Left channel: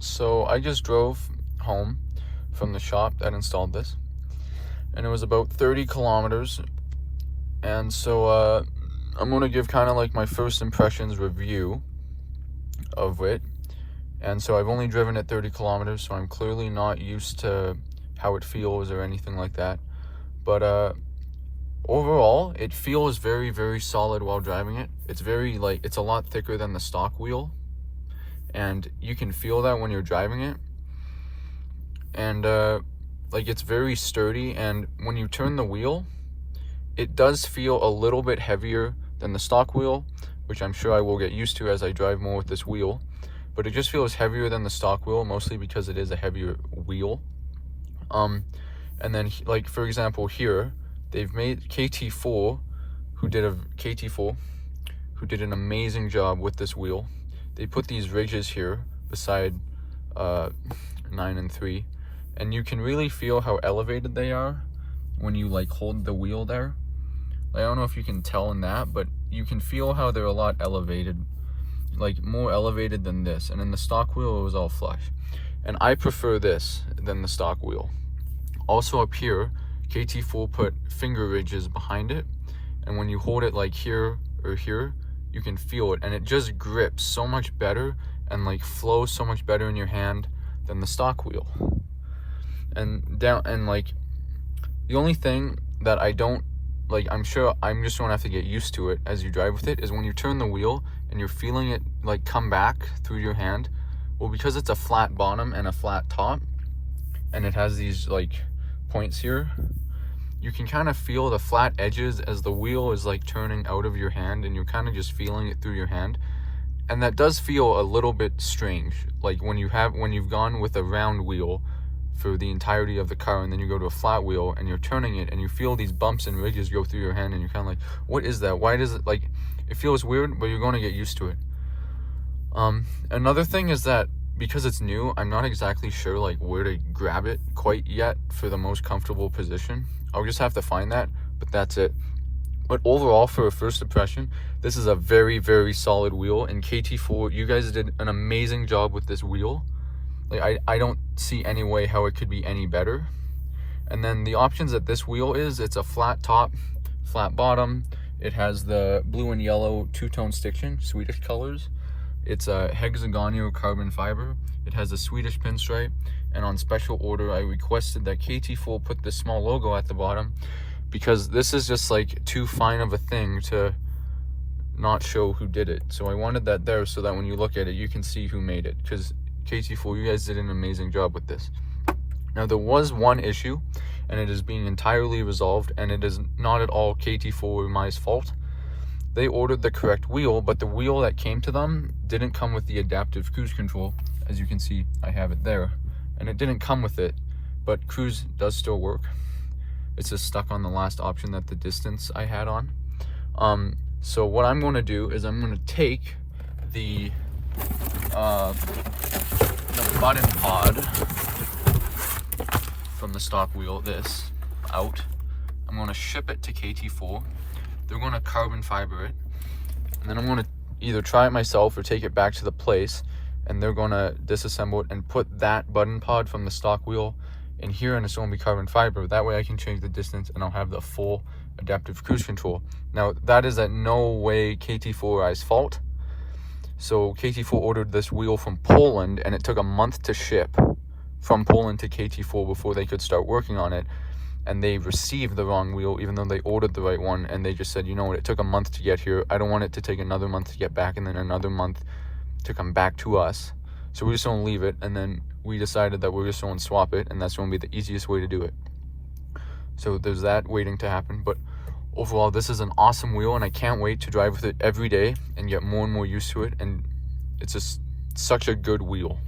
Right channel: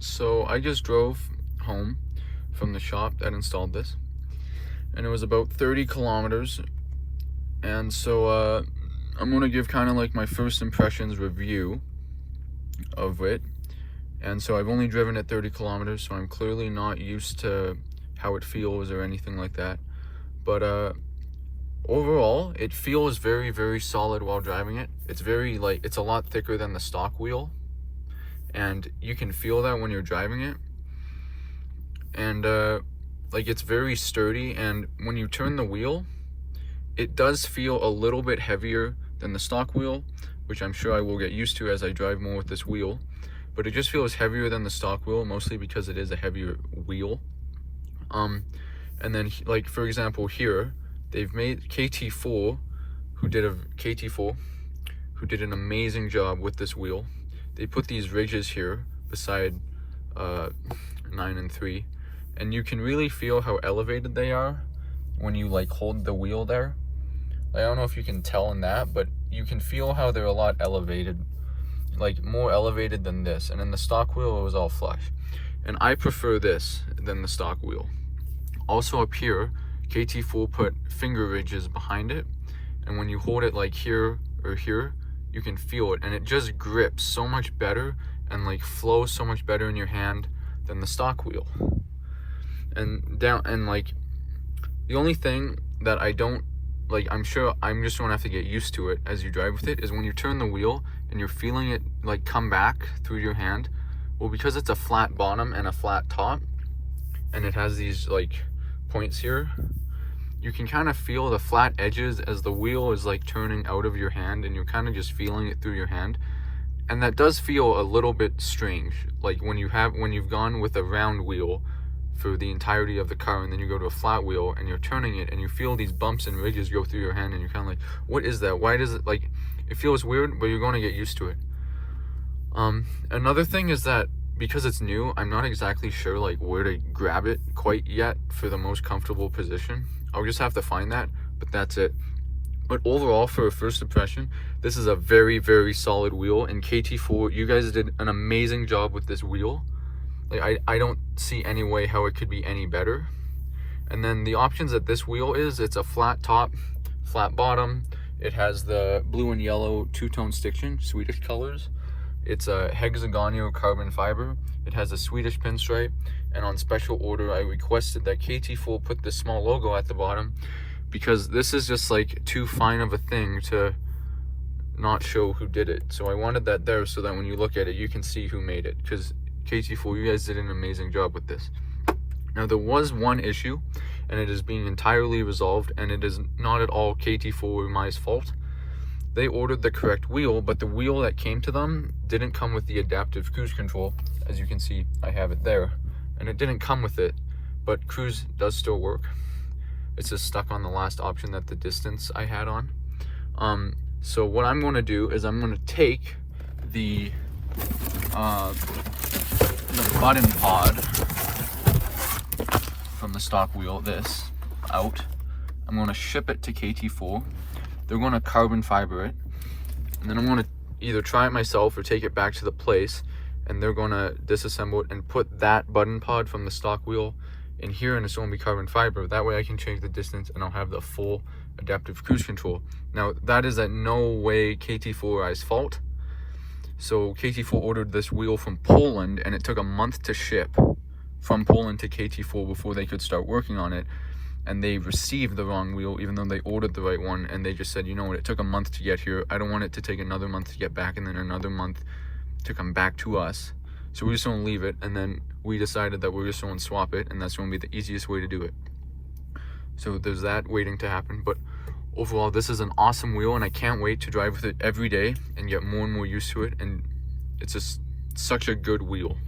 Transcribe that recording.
So I just drove home from the shop that installed this, and it was about 30 kilometers. And so I'm gonna give kind of like my first impressions review of it. And so I've only driven at 30 kilometers, so I'm clearly not used to how it feels or anything like that. But overall, it feels very, very solid while driving it. It's very it's a lot thicker than the stock wheel, and you can feel that when you're driving it. And it's very sturdy, and when you turn the wheel, it does feel a little bit heavier than the stock wheel, which I'm sure I will get used to as I drive more with this wheel. But it just feels heavier than the stock wheel, mostly because it is a heavier wheel. And then, like, for example, here they've made KT4, who did an amazing job with this wheel. They put these ridges here beside 9 and 3, and you can really feel how elevated they are when you like hold the wheel there. I don't know if you can tell in that, but you can feel how they're a lot elevated, like more elevated than this. And in the stock wheel, it was all flush. And I prefer this than the stock wheel. Also up here, KT4 put finger ridges behind it, and when you hold it like here or here, you can feel it, and it just grips so much better and like flows so much better in your hand than the stock wheel. And the only thing that I don't like, I'm sure I'm just gonna have to get used to it as you drive with it, is when you turn the wheel and you're feeling it like come back through your hand. Well, because it's a flat bottom and a flat top, and it has these like points here, you can kind of feel the flat edges as the wheel is like turning out of your hand, and you're kind of just feeling it through your hand. And that does feel a little bit strange, like when you've gone with a round wheel for the entirety of the car, and then you go to a flat wheel and you're turning it and you feel these bumps and ridges go through your hand, and you're kind of like, what is that? Why does it, like, it feels weird, but you're going to get used to it. Another thing is that because it's new, I'm not exactly sure like where to grab it quite yet for the most comfortable position. I'll just have to find that, but that's it. But overall, for a first impression, this is a very, very solid wheel. And KT4, you guys did an amazing job with this wheel. Like, I don't see any way how it could be any better. And then the options that this wheel is, it's a flat top, flat bottom. It has the blue and yellow two-tone stitching, Swedish colors. It's a hexagonal carbon fiber. It has a Swedish pinstripe. And on special order, I requested that KT4 put this small logo at the bottom, because this is just like too fine of a thing to not show who did it. So I wanted that there so that when you look at it, you can see who made it, because KT4, you guys did an amazing job with this. Now, there was one issue, and it is being entirely resolved, and it is not at all KT4 or my fault. They ordered the correct wheel, but the wheel that came to them didn't come with the adaptive cruise control. As you can see, I have it there, and it didn't come with it, but cruise does still work. It's just stuck on the last option that the distance I had on. So what I'm going to do is I'm going to take the button pod from the stock wheel, this, out. I'm going to ship it to KT4. They're going to carbon fiber it, and then I'm going to either try it myself or take it back to the place, and they're going to disassemble it and put that button pod from the stock wheel in here, and it's going to be carbon fiber. That way I can change the distance and I'll have the full adaptive cruise control. Now, that is at no way KT4i's fault. So KT4 ordered this wheel from Poland, and it took a month to ship from Poland to KT4 before they could start working on it. And they received the wrong wheel, even though they ordered the right one. And they just said, you know what, it took a month to get here. I don't want it to take another month to get back, and then another month to come back to us. So we're just gonna leave it. And then we decided that we're just gonna swap it, and that's gonna be the easiest way to do it. So there's that waiting to happen. But overall, this is an awesome wheel, and I can't wait to drive with it every day and get more and more used to it. And it's just such a good wheel.